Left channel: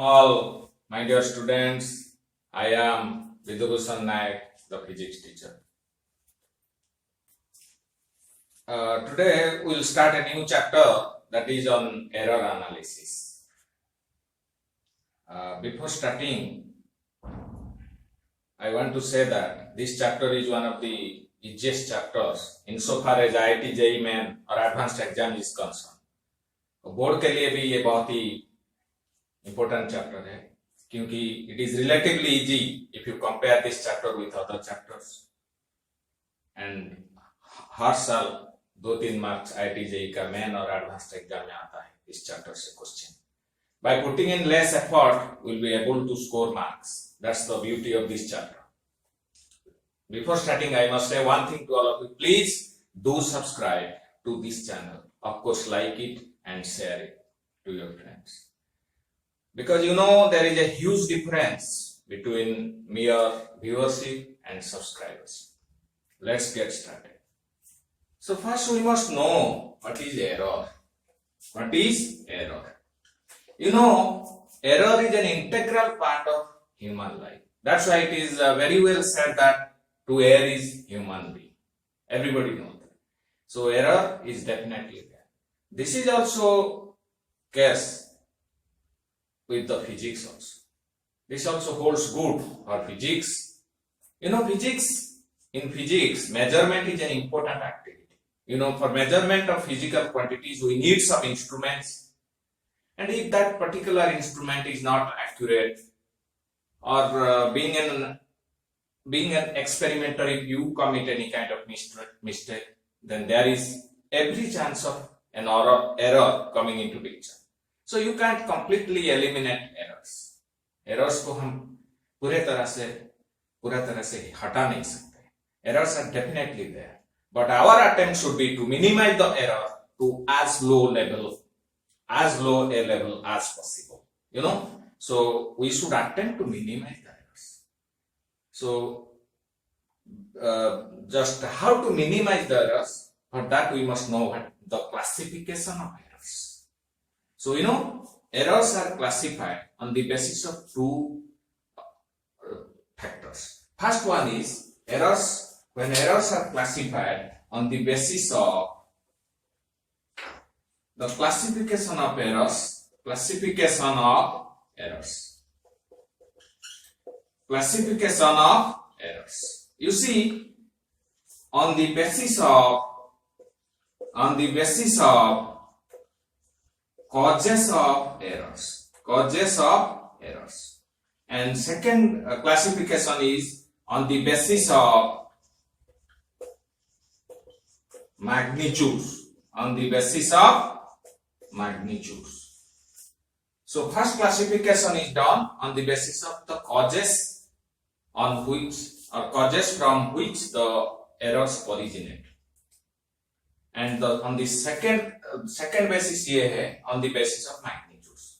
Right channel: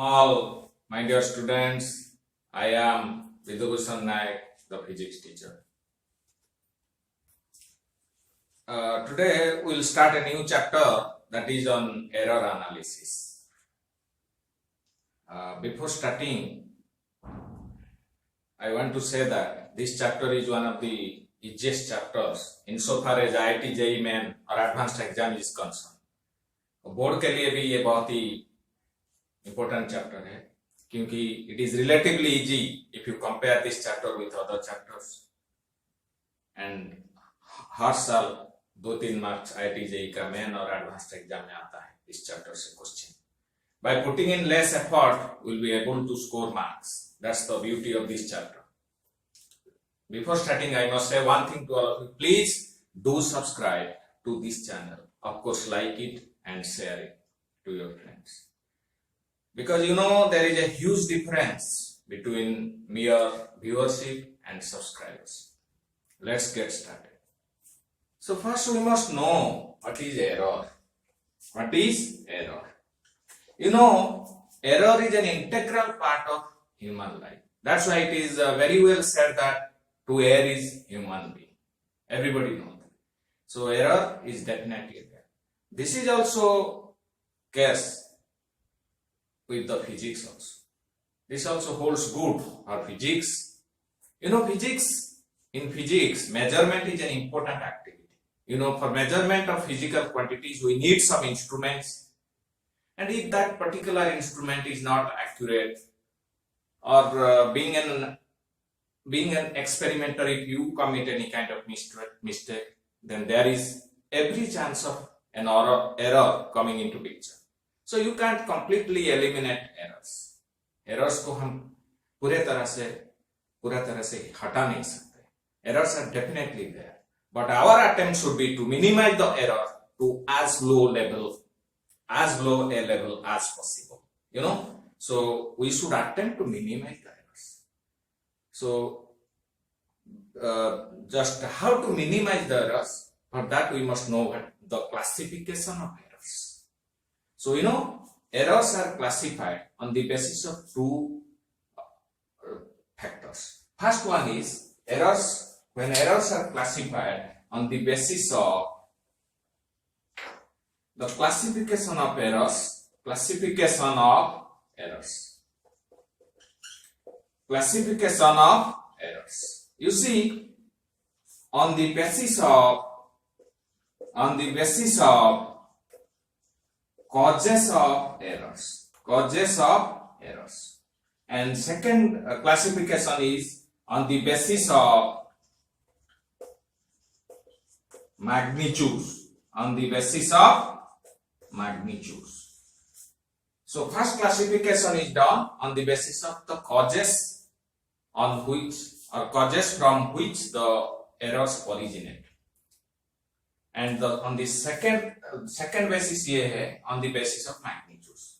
all, my dear students. I am Vidubhushan Naik, the physics teacher. Today we will start a new chapter that is on error analysis. Before starting, I want to say that this chapter is one of the easiest chapters insofar as IIT JEE Main और advanced exam is concerned. Board के लिए भी ये बहुत ही important chapter है क्योंकि it is relatively easy if you compare this chapter with other chapters. And हर साल 2-3 marks IIT JEE का मेन और एडवांस्ड एग्जाम में आता है इस चैप्टर से question. By putting in less effort, we'll be able to score marks. That's the beauty of this chapter. Before starting, I must say one thing to all of you. Please do subscribe to this channel. Of course, like it and share it to your friends. Because you know there is a huge difference between mere viewership and subscribers. Let's get started. So first we must know what is error. What is error? You know, error is an integral part of human life. That's why it is very well said that to err is human being. Everybody knows that. So error is definitely there. This is also case with the physics also. This also holds good for physics. You know, in physics, measurement is an important activity. You know, for measurement of physical quantities, we need some instruments. And if that particular instrument is not accurate, or being an experimenter, if you commit any kind of mistake, then there is every chance of an error coming into picture. So you can't completely eliminate errors. Errors को हम पूरे तरह से हटा नहीं सकते. Errors are definitely there, but our attempt should be to minimize the error to as low a level as possible. You know, so we should attempt to minimize the errors. So just how to minimize the errors, for that we must know what the classification of errors. So you know, errors are classified on the basis of two factors. First one is errors. When errors are classified on the basis of the classification of errors. Classification of errors. You see, on the basis of causes of errors. And second classification is on the basis of magnitudes. So first classification is done on the basis of the causes from which the errors originate. And on the second basis ये है on the basis of magnitudes.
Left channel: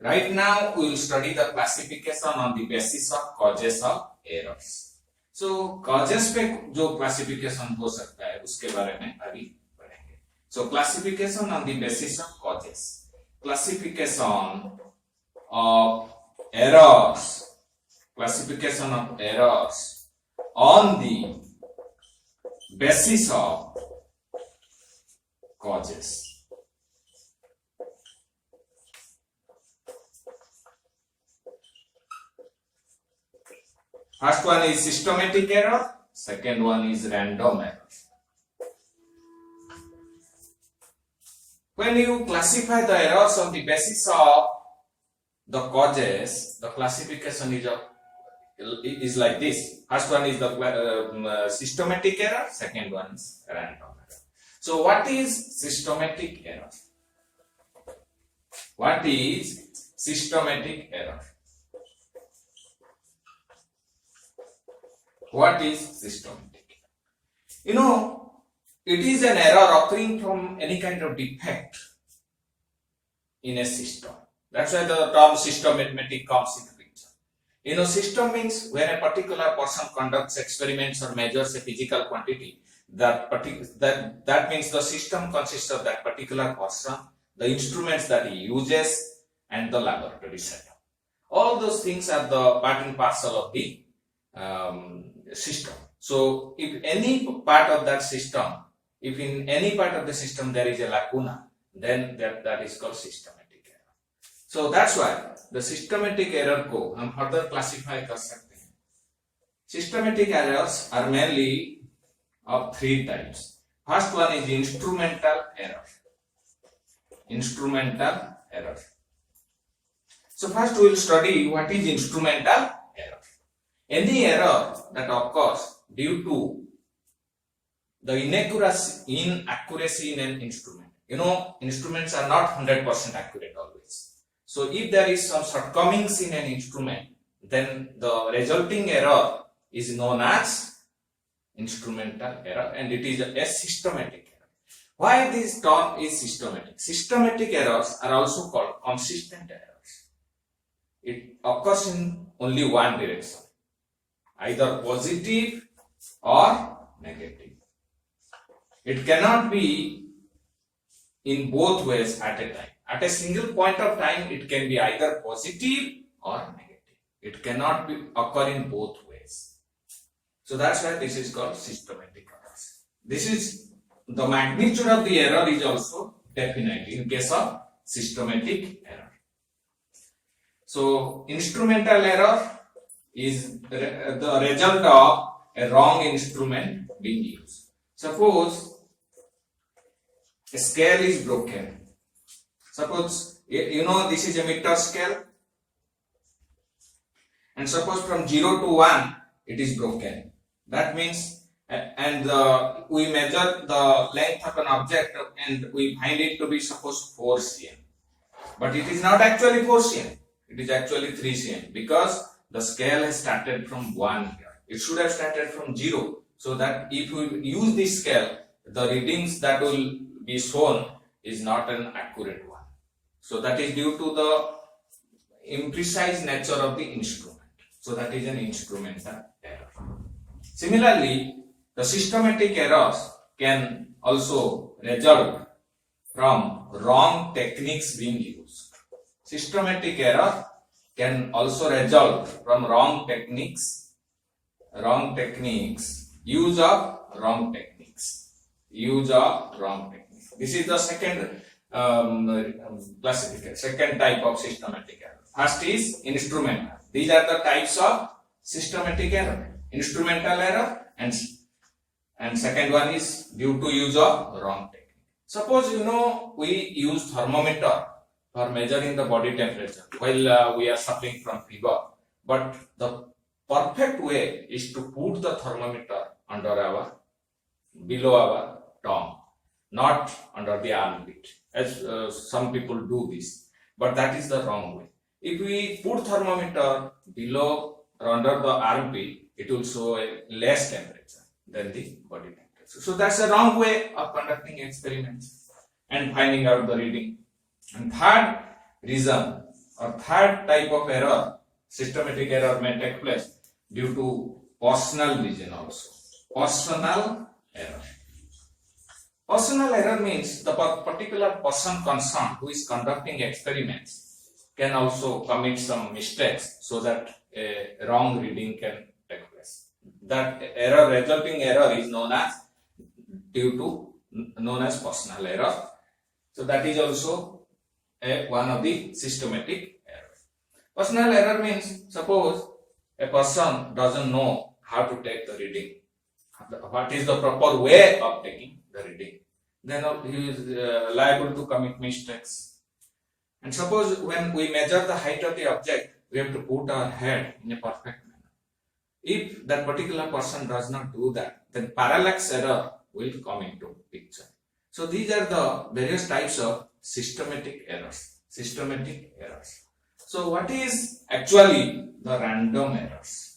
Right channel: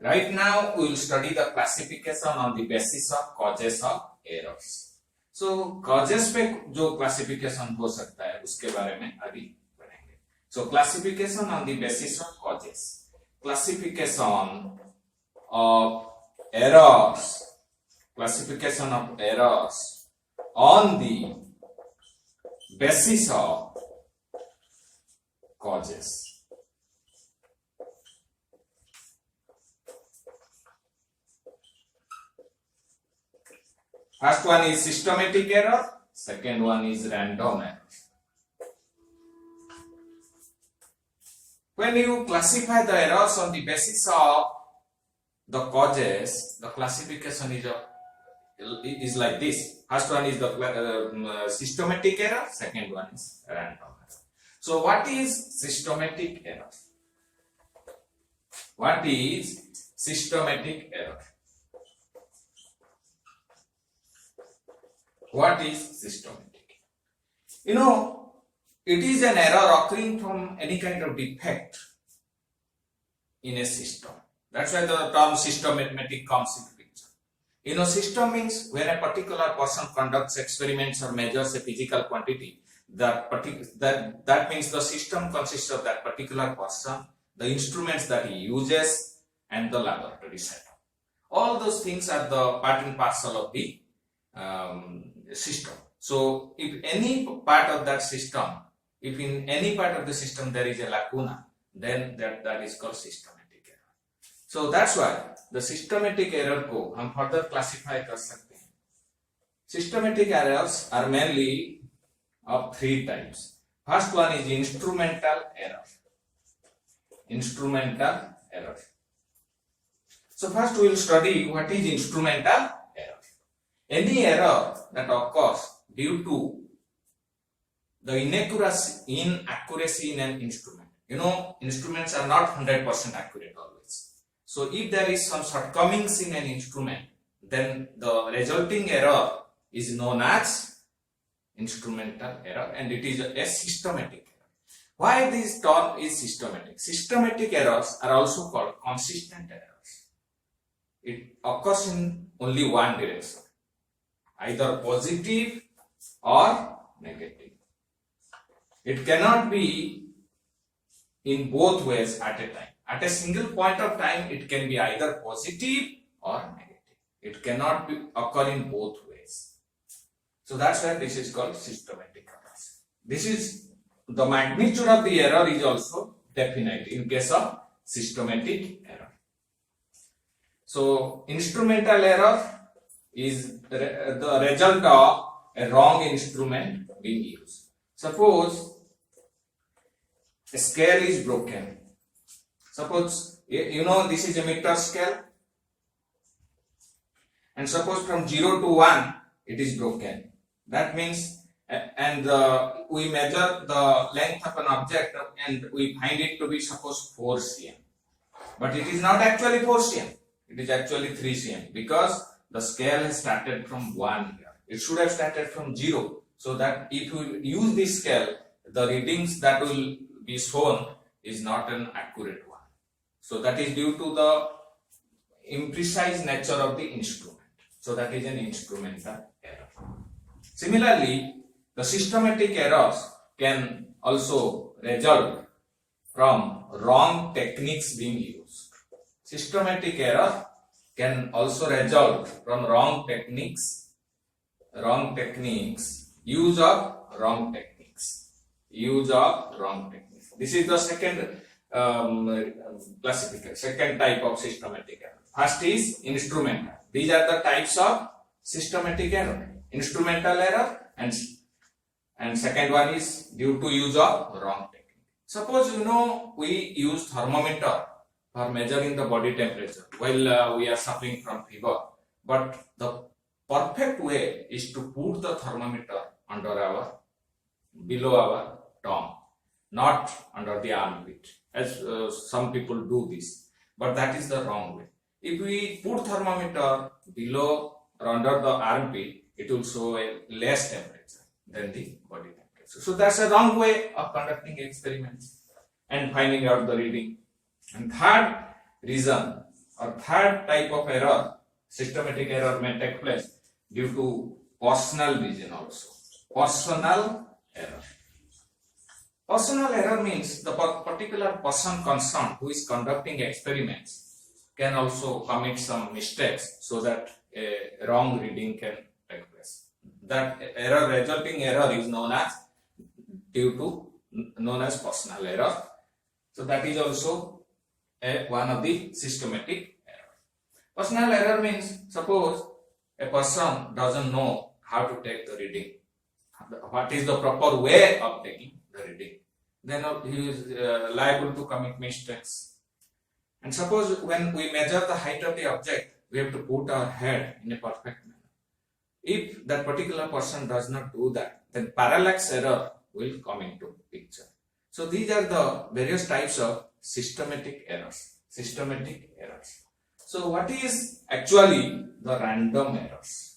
Right now we will study the classification on the basis of causes of errors. So causes पे जो classification हो सकता है उसके बारे में अभी पढ़ेंगे. So classification on the basis of causes. Classification of errors on the basis of causes. First one is systematic error, second one is random error. When you classify the errors on the basis of the causes, the classification is like this. First one is the systematic error, second one is random error. So what is systematic error? What is systematic error? What is systematic? You know, it is an error occurring from any kind of defect in a system. That's why the term systematic comes into picture. You know, system means when a particular person conducts experiments or measures a physical quantity, that means the system consists of that particular person, the instruments that he uses, and the laboratory setup. all those things are the part and parcel of the system. So if any part of that system, if in any part of the system there is a lacuna, then that is called systematic error. So that's why the systematic error को हम further classify कर सकते हैं. Systematic errors are mainly of three types. First one is instrumental error. Instrumental error. So first we will study what is instrumental error. Any error that occurs due to the inaccuracy in an instrument. You know, instruments are not 100% accurate always. So if there is some shortcomings in an instrument, then the resulting error is known as instrumental error, and it is a systematic error. Why this term is systematic? Systematic errors are also called consistent errors. It occurs in only one direction, either positive or negative. It cannot be in both ways at a time. At a single point of time, it can be either positive or negative. It cannot be occur in both ways. So that's why this is called systematic errors. This is the magnitude of the error is also definite in case of systematic error. So instrumental error is the result of a wrong instrument being used. Suppose a scale is broken. Suppose you know this is a meter scale, and suppose from 0 to 1 it is broken. That means we measure the length of an object and we find it to be suppose 4 cm, but it is not actually 4 cm. It is actually 3 cm because the scale has started from 1 here. It should have started from 0, so that if we use this scale, the readings that will be shown is not an accurate one. So that is due to the imprecise nature of the instrument. So that is an instrumental error. Similarly, the systematic errors can also result from wrong techniques being used. Systematic error can also result from wrong techniques, use of wrong techniques. This is the second classification, second type of systematic error. First is instrumental. These are the types of systematic error: instrumental error, and second one is due to use of wrong technique. Suppose you know we use thermometer for measuring the body temperature while we are suffering from fever, but the perfect way is to put the thermometer below our tongue, not under the armpit, as some people do this, but that is the wrong way. If we put thermometer below or under the armpit, it will show a less temperature than the body temperature. So that's a wrong way of conducting experiments and finding out the reading. And third reason or third type of error, systematic error may take place due to personal reason also. Personal error. Personal error means the particular person concerned who is conducting experiments can also commit some mistakes so that a wrong reading can take place. That error, resulting error, is known as personal error. So that is also one of the systematic errors. Personal error means suppose a person doesn't know how to take the reading, what is the proper way of taking the reading, then he is liable to commit mistakes. And suppose when we measure the height of the object, we have to put our head in a perfect manner. If that particular person does not do that, then parallax error will come into picture. So these are the various types of systematic errors. So what is actually the random errors?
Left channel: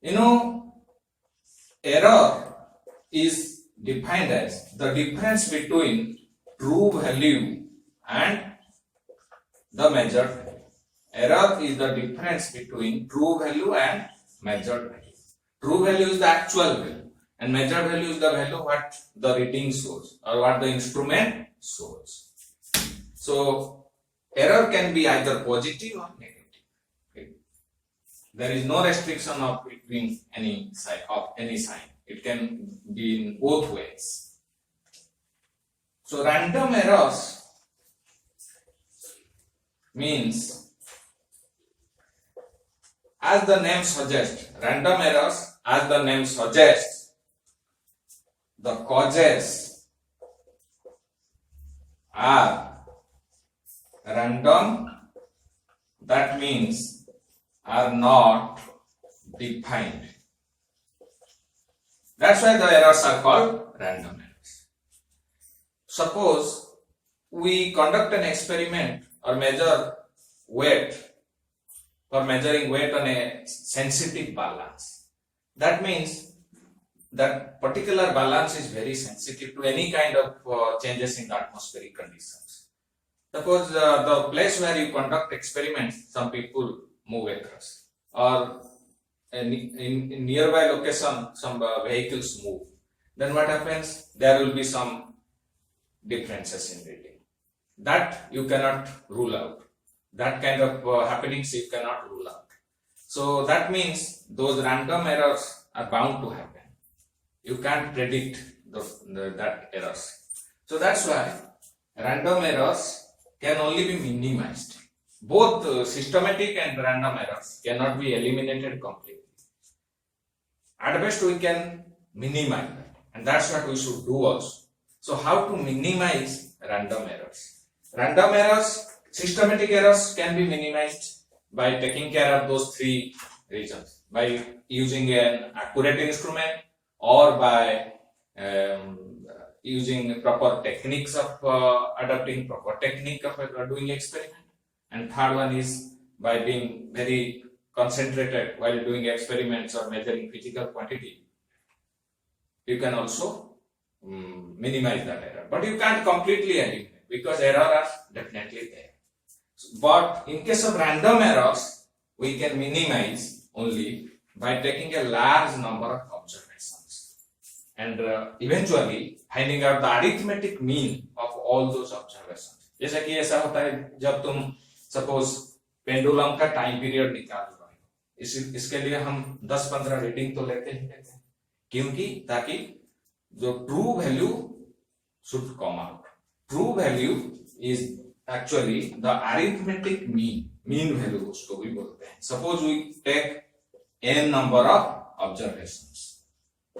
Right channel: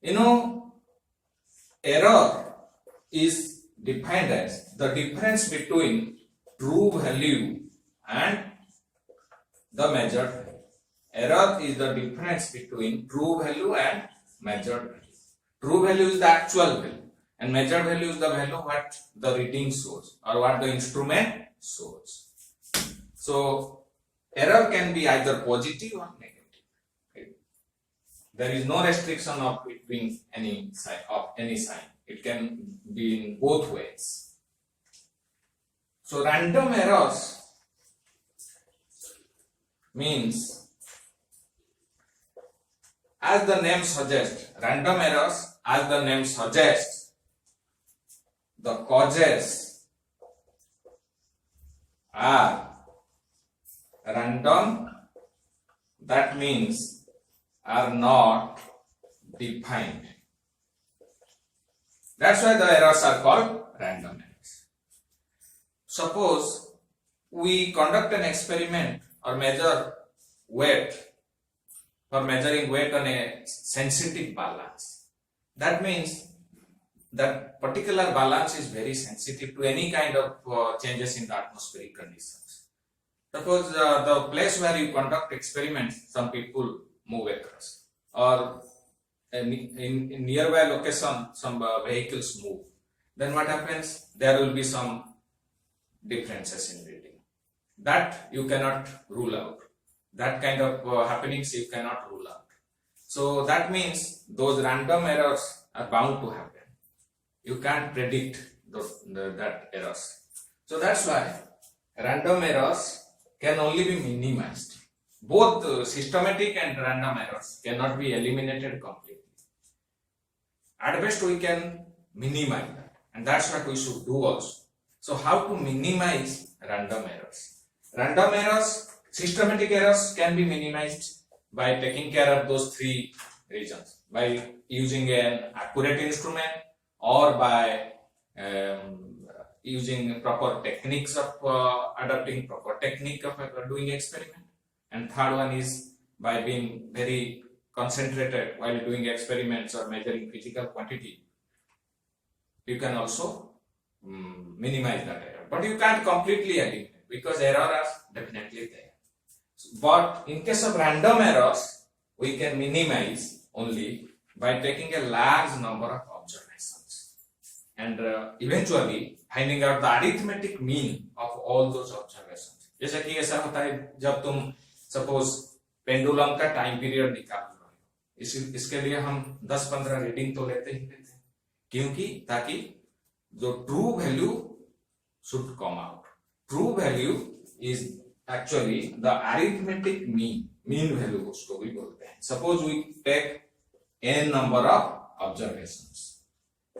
You know, error is defined as the difference between true value and the measured value. Error is the difference between true value and measured value. True value is the actual value, and measured value is the value what the reading shows or what the instrument shows. So error can be either positive or negative. Right? There is no restriction of between any sign. It can be in both ways. So random errors means, as the name suggests, random errors, as the name suggests, the causes are random, that means are not defined. That's why the errors are called random errors. Suppose we conduct an experiment or measure weight, for measuring weight on a sensitive balance. That means that particular balance is very sensitive to any kind of changes in the atmospheric conditions. Suppose the place where you conduct experiments, some people move across, or in nearby location some vehicles move. Then what happens? There will be some differences in reading. That you cannot rule out. That kind of happenings you cannot rule out. So that means those random errors are bound to happen. You can't predict that errors. So that's why random errors can only be minimized. Both systematic and random errors cannot be eliminated completely. At best we can minimize that, and that's what we should do also. So how to minimize random errors? Random errors, systematic errors can be minimized by taking care of those three reasons, by using an accurate instrument or by using proper techniques of adopting proper technique of doing experiment. And third one is by being very concentrated while doing experiments or measuring physical quantity. You can also minimize that error, but you can't completely eliminate because errors are definitely there. But in case of random errors, we can minimize only by taking a large number of observations and eventually finding out the arithmetic mean of all those observations. जैसा कि ऐसा होता है जब तुम suppose pendulum का time period निकाल रहे हो, इसके लिए हम 10-15 रीडिंग तो लेते ही लेते हैं, क्योंकि ताकि जो true value should come out. True value is actually the arithmetic mean value उसको भी बोलते हैं. Suppose we take n number of observations.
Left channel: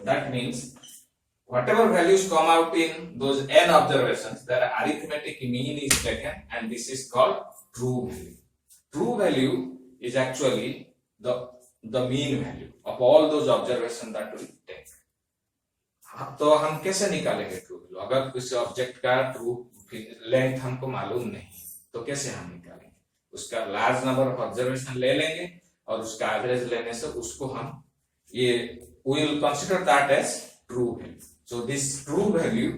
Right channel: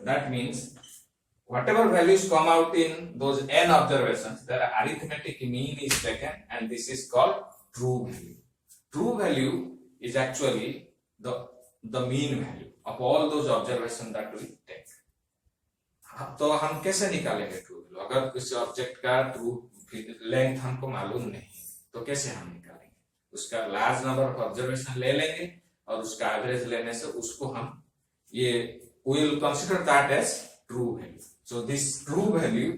That means whatever values come out in those n observations, their arithmetic mean is taken, and this is called true value. True value is actually the mean value of all those observations that we take. तो हम कैसे निकालेंगे true value? अगर उस object का true length हमको मालूम नहीं तो कैसे हम निकालेंगे? उसका लार्ज नंबर ऑफ ऑब्जर्वेशन ले लेंगे और उसका एवरेज लेने से उसको हम ये we will consider that as true value. So this true value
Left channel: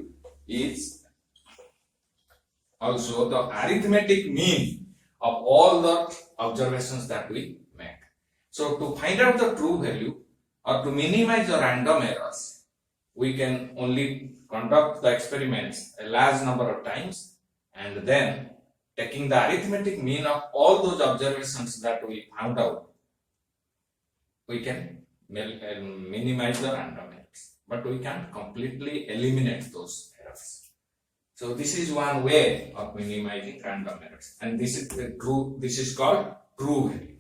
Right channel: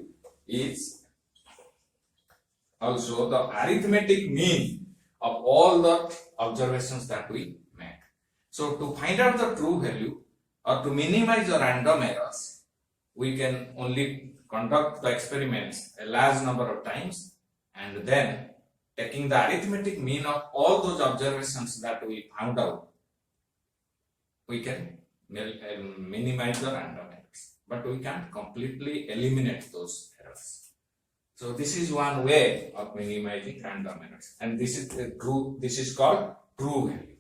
is also the arithmetic mean of all the observations that we make. So to find out the true value or to minimize the random errors, we can only conduct the experiments a large number of times, and then taking the arithmetic mean of all those observations that we found out, we can minimize the random errors, but we can't completely eliminate those errors. So this is one way of minimizing random errors, and this is called true value.